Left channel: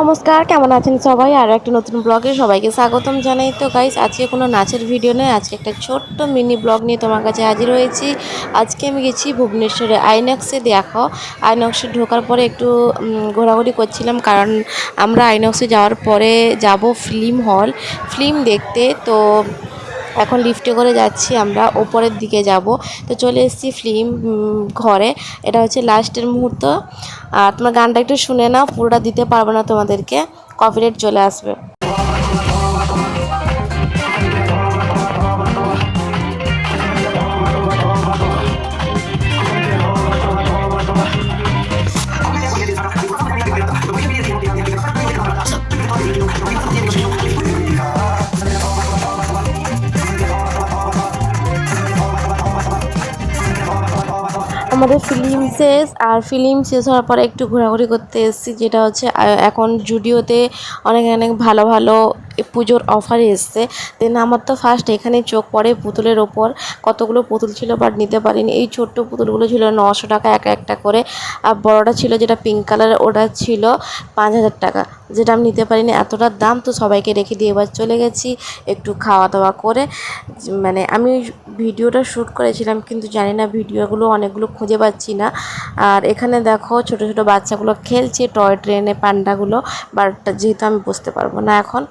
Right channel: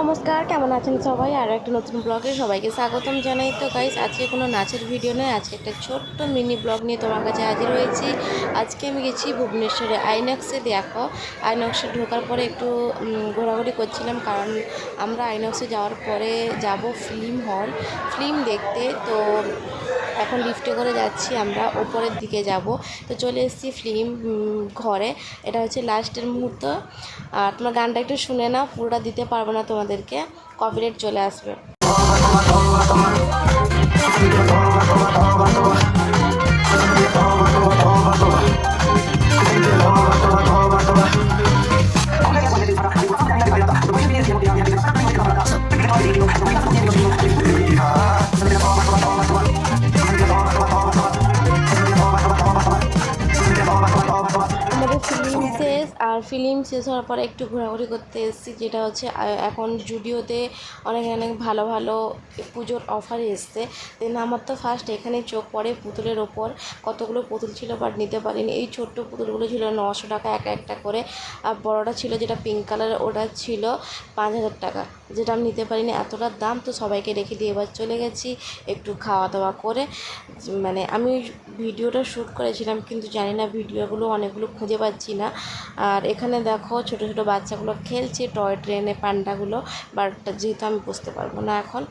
নমস্কার, কেমন আছেন সবাই? আরও একটা নতুন ব্লগে সবাইকে স্বাগতম জানাই। তো গাইস, আজকে কোনো নাচের ভিডিও নেই, আজকে একটা ছোট্ট মিনি ব্লগ নিয়ে তোমার কাছে হাজির হয়েছি। আজকে আমি গেছি ভুবনেশ্বরে আইনক্সে। দেখো, আইনক্সে ঢোকার পরে একটু ঘোরাঘুরি করছিলাম, কারণ আমরা আইনক্সে যাওয়ার পরে যাব ফিল্ম দেখতে। তো এখন লিফটে করে যাচ্ছি, আমরা ওপরের দিকে যাব। তো চলে এসেছি ফিল্ম ঘরে। এটা হচ্ছে লাস্টের মুহূর্ত। আর তোমার গানটা একটু শুনে নাও, পুরোটা দিতে পারবো না তোমাদেরকে, কপিরাইট চলে আসবে। আমাদের ফিল্ম শেষ হওয়ার পরে একটু ঘোরাঘুরি করতে এসেছি, যেটা হচ্ছে এখন জুডিওতে অনেক অনেক ভালো ভালো পুজোর অফার এসছে। দেন আমার তো ফার্স্ট এখানেই চোখ পড়ে পুতুলের ওপর। কতগুলো পুতুল ছিল, বাট নিতে পারিনি। এই ছোট্ট পুতুলগুলো ছিল 900 টাকা এক একটা করে, আর বড়টা ছিল যেটা পিঙ্ক কালারের, ওটা ছিল 5000 টাকা, যেটা আমি নিতে পারিনি, এতটা দাম। তো সবাইকে রেখে দিয়ে এবার চলে গেছি একটু খাওয়া দাওয়া করে। মানে আমি ভিডিওটা শ্যুট করেছিলাম, কিন্তু জানি না ভিডিওগুলো অনেকগুলো খুঁজে পাচ্ছি না। আর এখানে দেখো ছোট ছোট বাচ্চাগুলো খেলছে টয় ট্রেনে, পান্ডাগুলো, বাট যেহেতু আমি বসতে পারবো না এখন,